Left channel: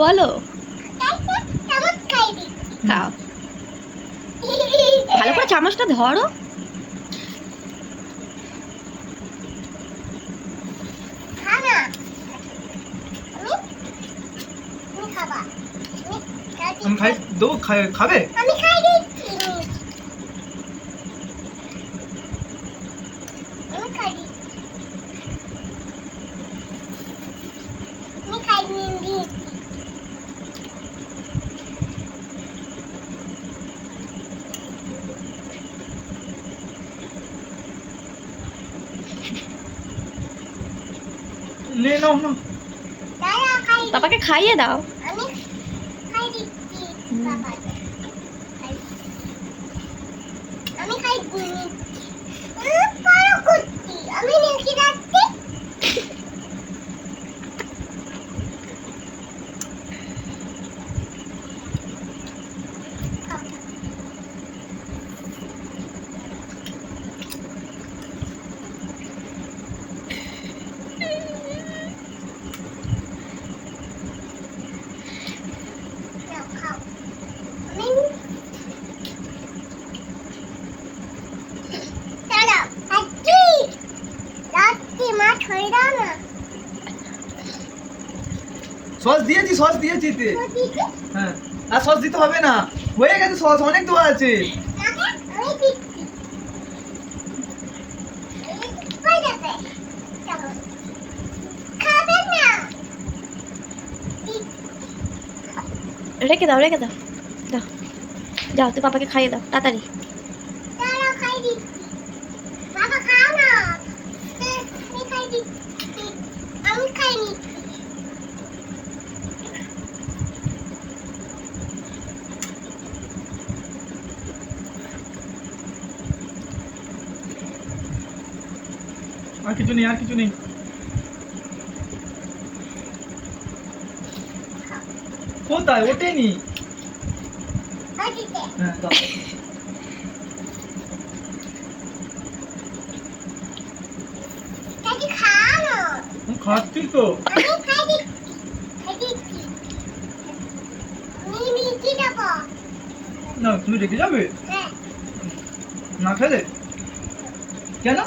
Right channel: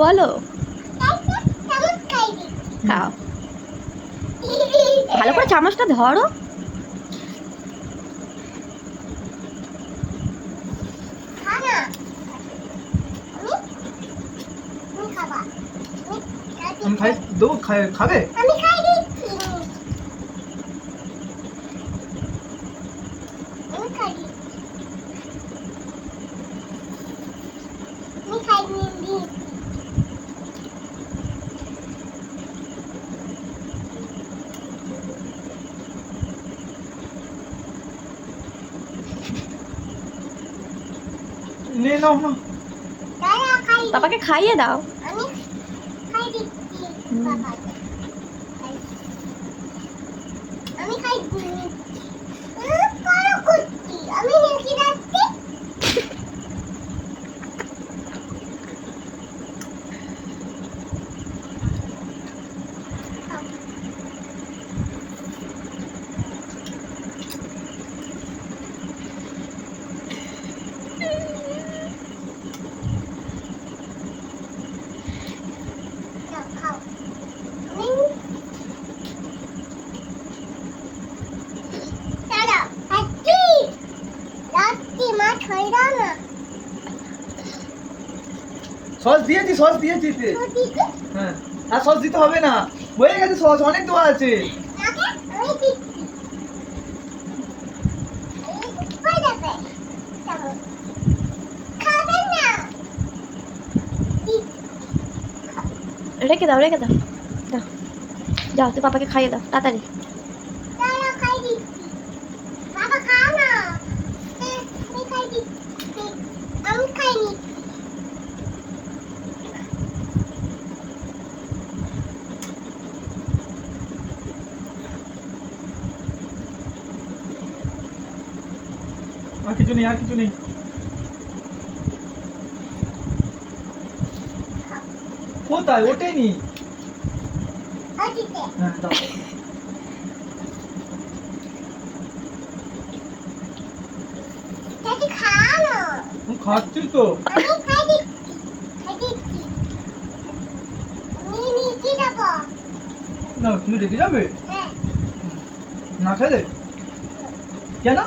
বলো। খাও, ভালো করে চামচটা ধরো। আমি খাই দেবো, খাবে? আমি খাই দিচ্ছি। আমি খাই দিচ্ছি। আমি খাই দিচ্ছি। নে নাও না। দাদা খাই। পাপাকে খাইয়ে দাও। আমি খাই দিচ্ছি বাবাকে। আমি খাই দিচ্ছি। পারো করছি। আমি নিচে যাচ্ছি। খাও। আমি দাদা আচ্ছি। রাত্রি মাছ হয়ে দাও না। সস দিয়েছি, সস দিয়েছি তে। হ্যাঁ, আর সস দিতে হবে না, হয়ে গেছে সস, অনেক দেওয়া আছে। আমি দিচ্ছি। হয়ে যাবে। খাবে না। রেখে দাও, রেখে দাও। দাও, যাও তুই পাপাকে খাইয়ে দাও তাড়াতাড়ি। দাদা খাই দিচ্ছি। বাবা খাও না। আমি খাই দিচ্ছি। আমি খাইনি। আর কিছু নেই, আর কিছু নেই। কোথায় ওঠেনি? ওদিকে। হ্যাঁ দাও। দাদি খাও না। খাচ্ছি তো। আমি খাই দিচ্ছি। খাই দিচ্ছি। আমি নিচে যাবো। না তুমি রেখে যাবে হ্যাঁ। না খেলে? কেন?